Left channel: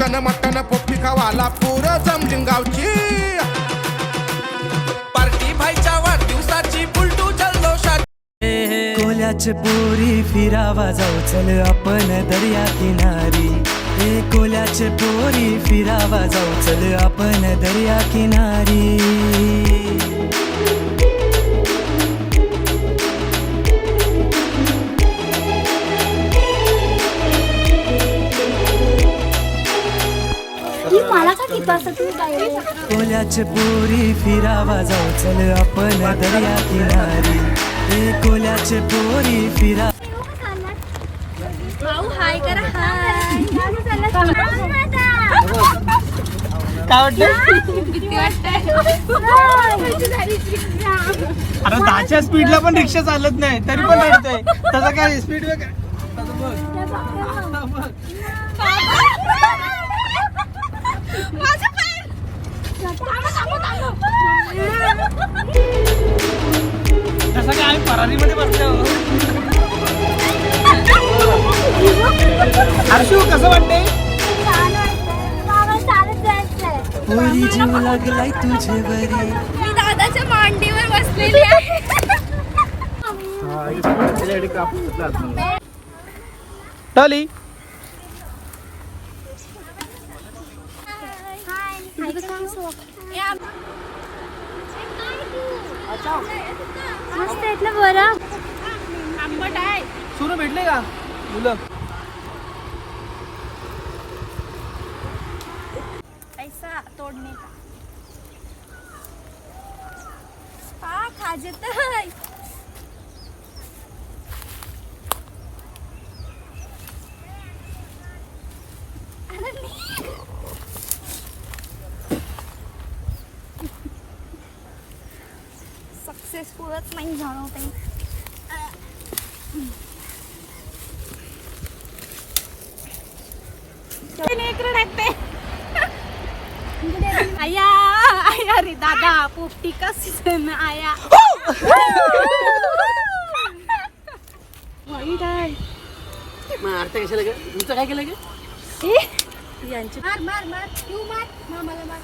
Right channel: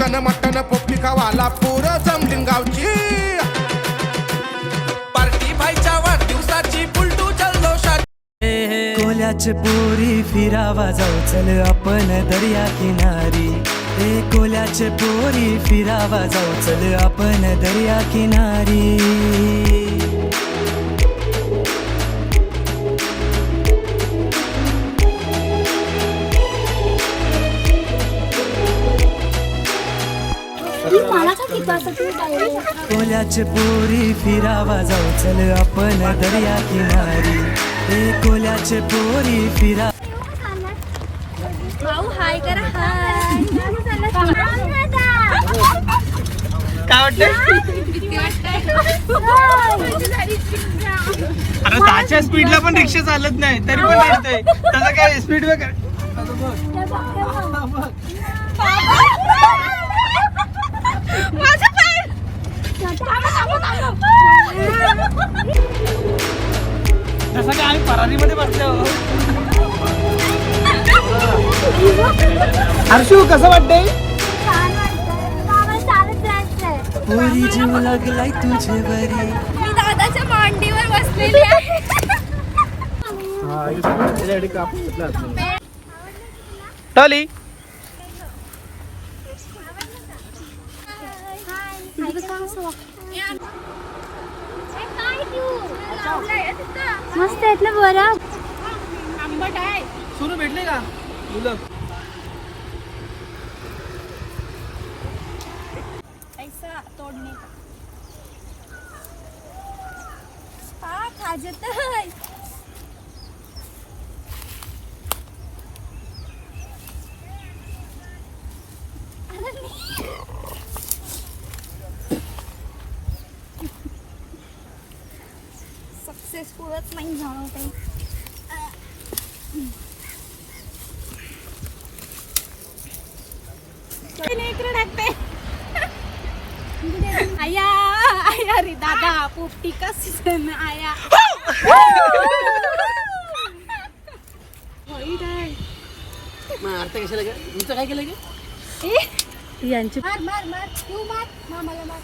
Chicken mutton पोपटी खावाला पूर जमलिंग गावची पार्टी भाईच्या वाढदिवसाची बुलटू जल्लोषाची कोल्याचे पोरी फिरावा जाऊ चल आपण दर्या किनारी कोल्याचे पोरी फिरावा जाऊ चल आपण दर्या किनारी कोल्याचे पोरी फिरावा जाऊ चल आपण दर्या किनारी कोल्याचे पोरी फिरा हाय करा हाय काय वाटतं अरे 10च्या स्पीडला पण रिक्षा चालत नाही तरी पण रडतंय त्याचा काय स्पीड बघ जसं काय आम्ही परारीमध्ये बसलो हर्षू कसं वाटतंय पोरी जीव लागलाय तुझे बरी मी दादाच्या मांडीवर बसलेली आहे टॉली मस्त आहेत ना बरं आंबट आहे सुरू भेटले का मुलं ऐसा तोडणे हा खाजत सक्सेसफुलच नाही झालं ते आया आया रे दादा पोपटी कसं आया मारता कशाला तुमचं काय केलं यांची मार मार मार तू मार मामाला मार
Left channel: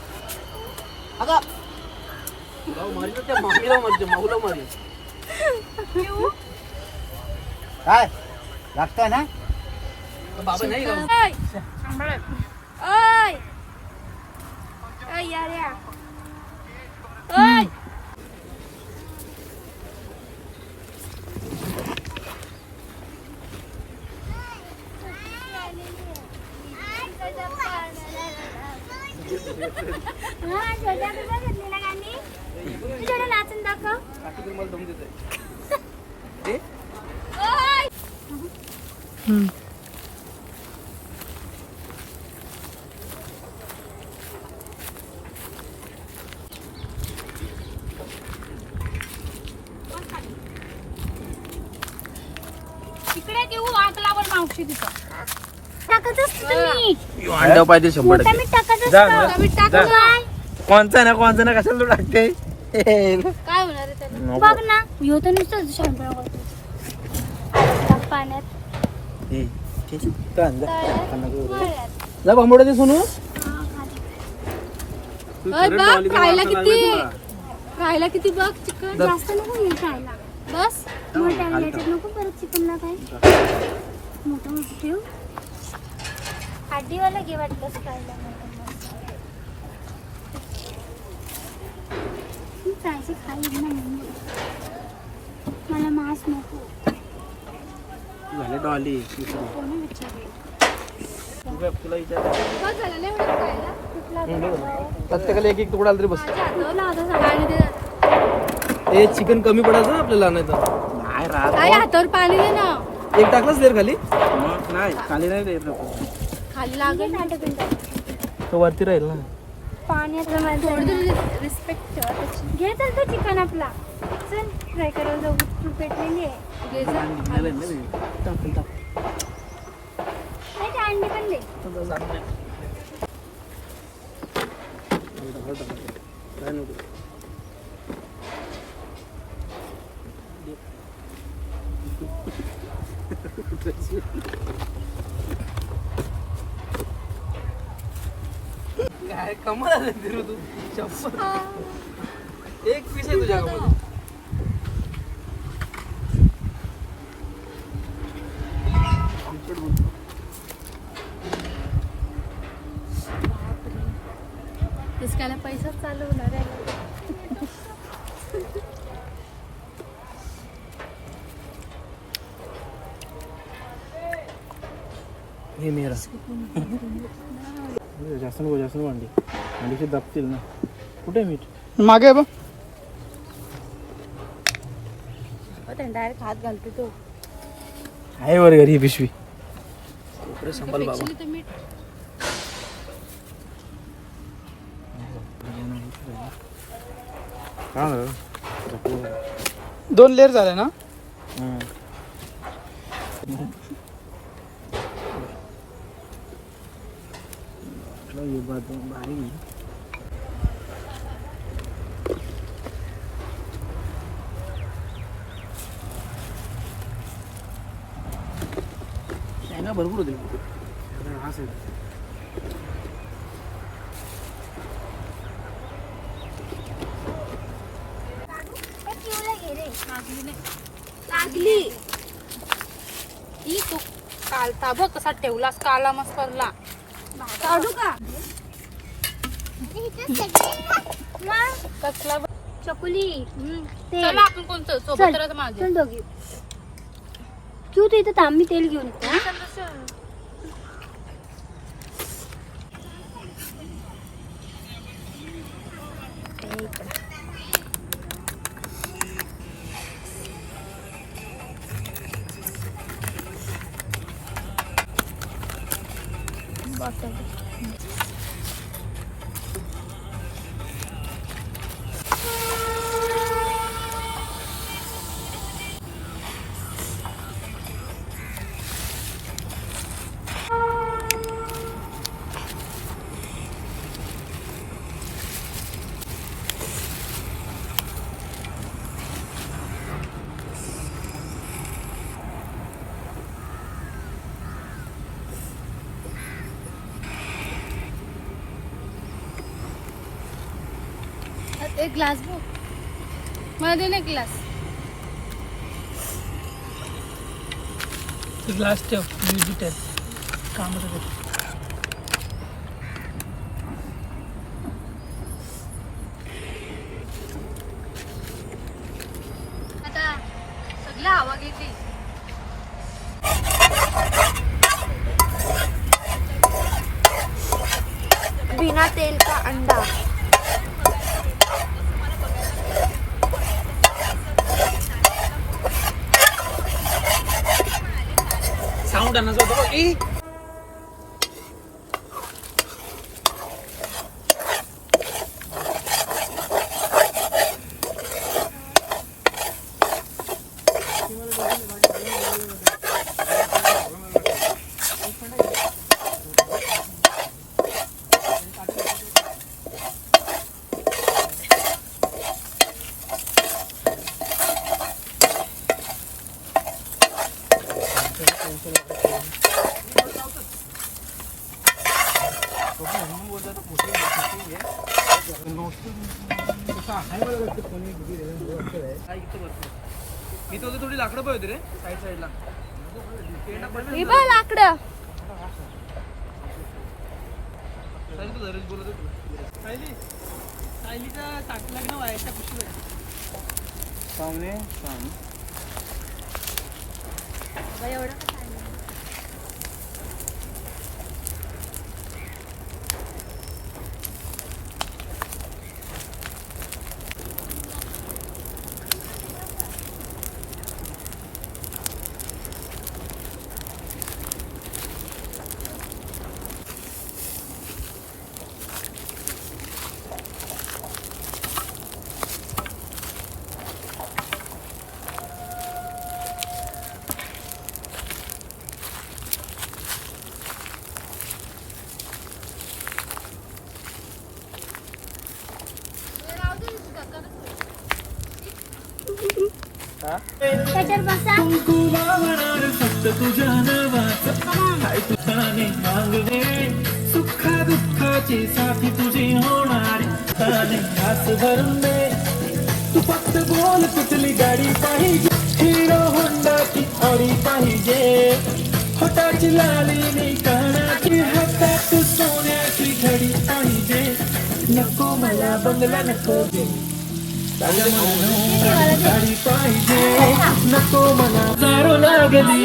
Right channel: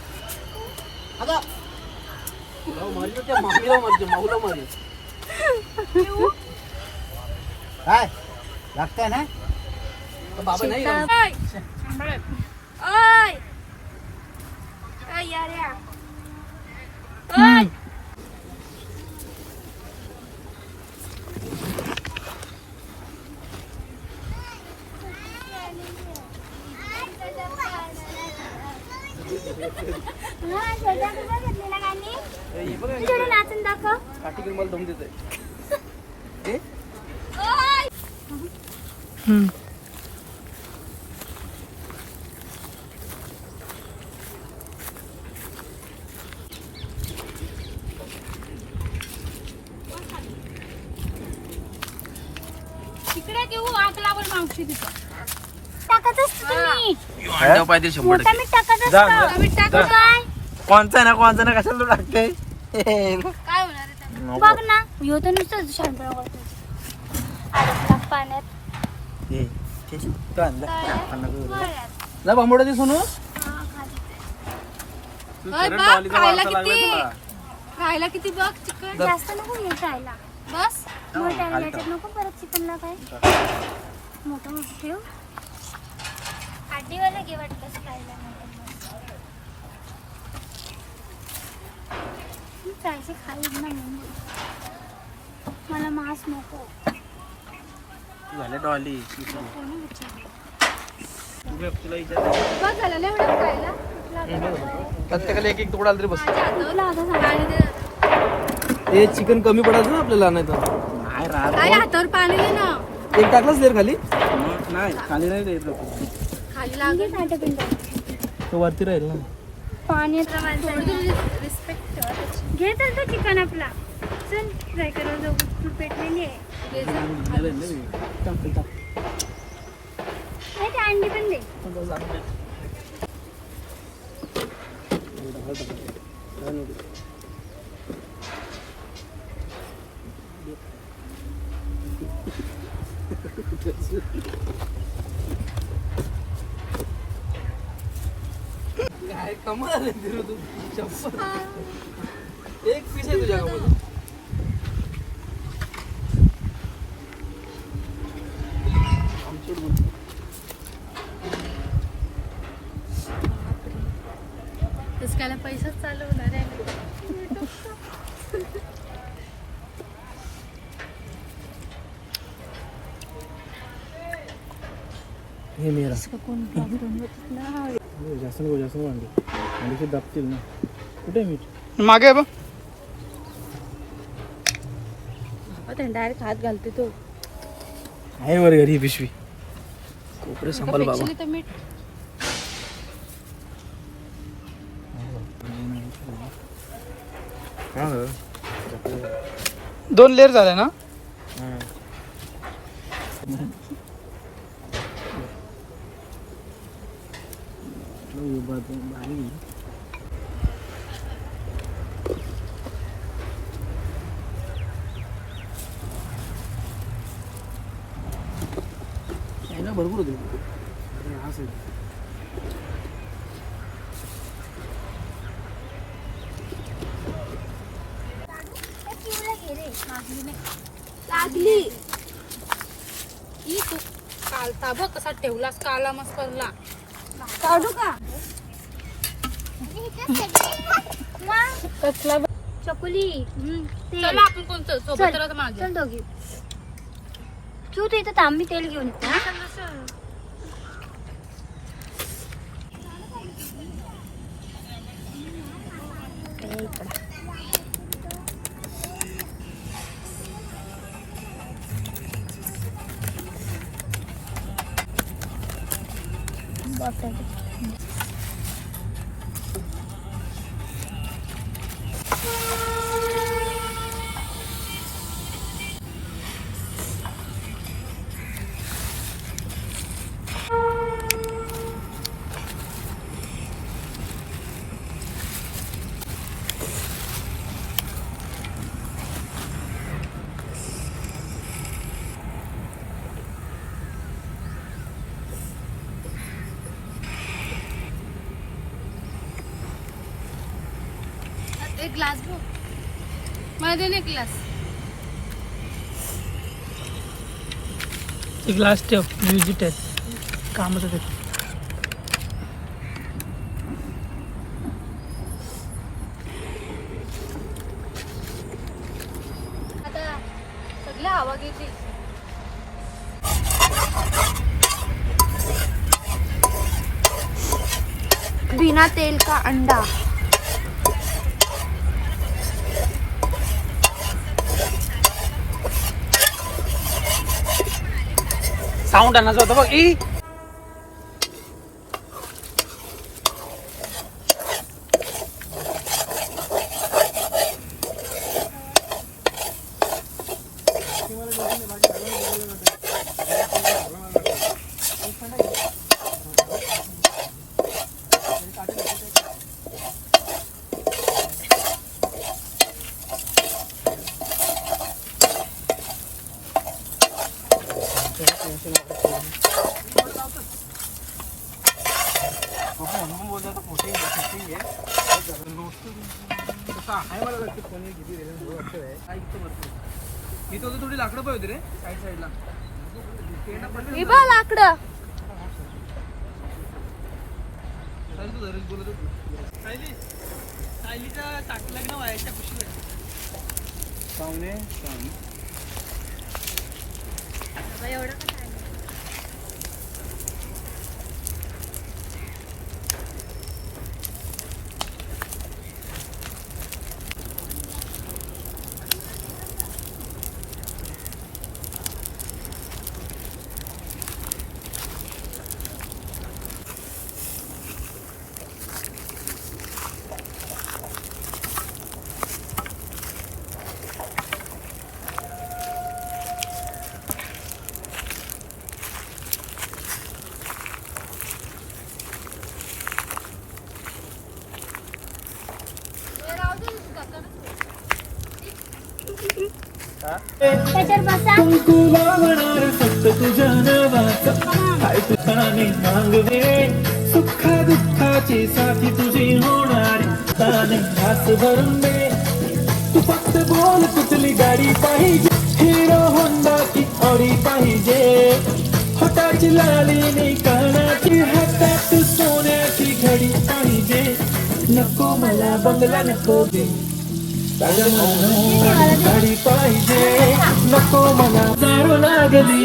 काय लागताय ना बाबा नाही ओय ओय यार या ओय नाचून दाखव तिकडे घेऊ आग लावर मावशी तिथं अंडा पाहिजे 100% कोणचा ना कशाला तू टाकते बघ ना ह्यो तर नुसतं शांत पाण्यात जा बांबोडा दे सोनू राहायला किती बघ चिकन जास्त नको हे खायला बस नको परत चिकन ना काय मोठं मोठं ठेव काठीवाला घे वाटलंच खायला खाईल ना मला मांस नको झाले डॉली प्रत्येकाला एक तुकडा तरी बस हे चिकन कमी पडायचं ना आपल्याला नाही तर नाही हातावर पाणी ना एक टाकलाच देर खाली नाही खाली नाही देत खाली लागेल तो वरती राहील ना पाण्यात रिस्पेक्ट घे तर तो चिकन आपला चल फ्राय करायला जाऊ तू पेटलेली आहे अंडी पण दे काय कमाल आले रे तू चप्पल एक पीस आहे तुझ्या मध्ये इसकाला पैसा चालू होणार आहे हे मेरा जास्त वांडी वांडीचे दाबतील ना कुठे मीठ मागे बघ डायरेक्ट हात घालते तो आहे वर घरी पिशवी संपल बाबा तर मीठ दोन लेअर झाले ना भारी भरपूर होते हा साईड लागली ही तू कालता बघ कसा ठेवलास काला मस्तरला काढू का कसला चकुली चला आपण कोणतं सोबत राहत माझे चल दोघी तू तर इथं थांब मी तेल घेऊन येते. बॉटल एक ग्लास मला दे ना ग्लास ग्लास ठेव म्युझिक आहे कामाचं कुठे आता सगळं हवा घेतली बिना तेल का अंडा साऊंड आणायचा होता बघ ई इथं थोडी लाकडं पाहिजे रे साईड साईडला लाकडं बोलत त्याच्यावर बसा तुझ्या नावाचा काय तुझ्याने मागणे सुख दुःखात जीवनाची साथी तुझी होणार घास भरून दे तू फक्त बोल कुठली गाडी पाहिजे हिरो होंडाची ऑडी पाहिजे होटाची लाली कानाची हातात सोन्याची घडी पाहिजे नको मला बंगला नको गाडी पाहिजे नको मला दारू लागली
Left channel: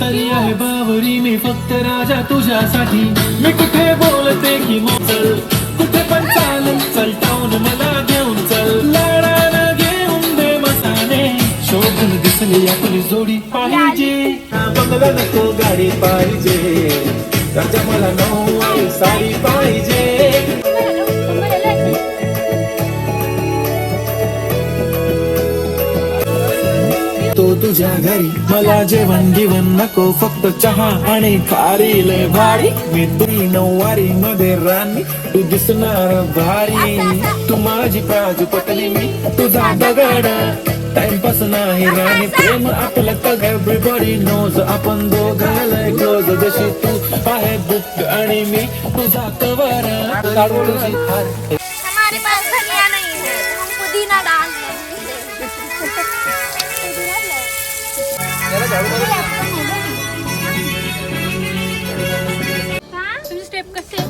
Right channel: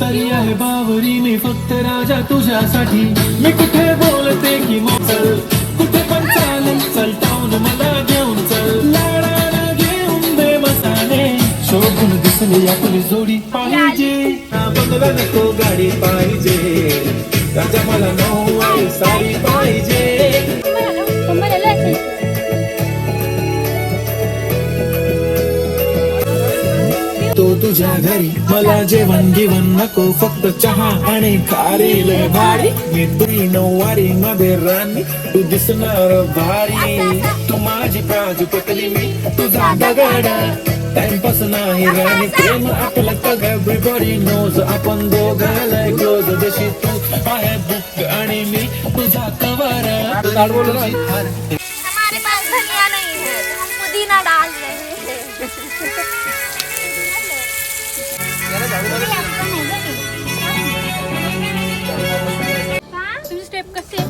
तरी आहे बावरी मी फक्त राजा तुझ्यासाठी मी कुठे बोलते की चल कुठे पण चालून चलताऊन मला घेऊन चल लाडाला घेऊन दे मसाने शोधून दिसली आपली जोडी पाहिजे बंगला नको गाडी पाहिजे राजा मला नऊवारी साडी पाहिजे तो तुझ्या घरी मला जेवण बिवण नको फक्त चहा आणि खारील भारी मी तुझी नऊवारी मध्ये राणी तू दिसणार भारी तू माझी काजू पतली मी तुझा दगाडा टाइमपास नाही राणी प्रेम आपलं कग एव्हरीबॉडी नोज आपण दोघाला क्लोज जशी तू आहे बुक आणि मी तुझा कवारा हमारे पास धनिया नहीं है हम पुदीना डाल रहे हैं स्टेप कसे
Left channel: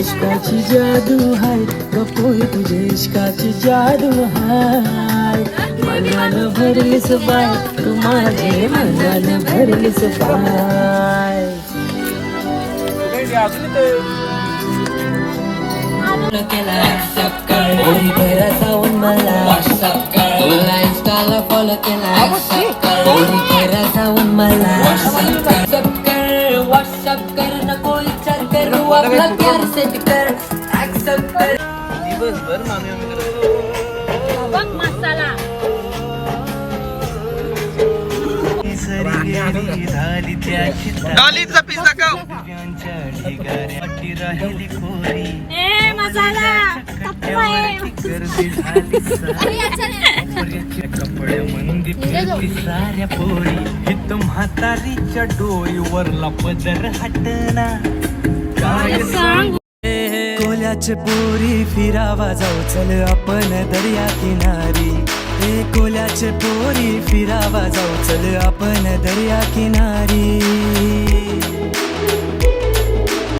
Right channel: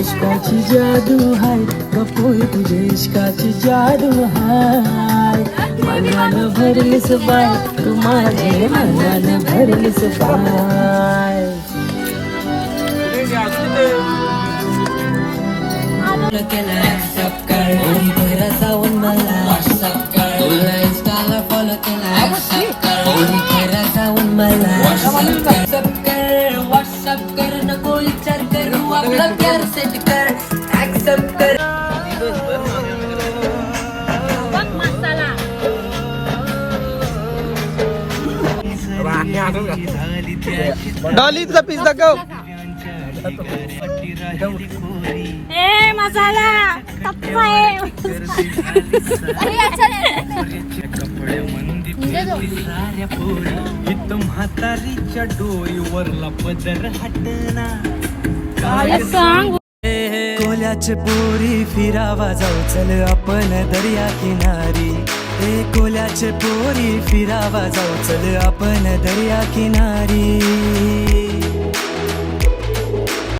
इश्काची जादू हाय गपोय तुझे इश्काची जादू हाय मनानं भरलीस बाय तू माझे मनानं भरलीस बाय मसाला डॉलीचा पीस दाखव. ए मसाला कप्पा आहे कोल्याचे पोरी फिरावा जाऊ चल आपण दर्या किनारी कोल्याचे पोरी फिरावा जाऊ चल आपण दर्या किनारी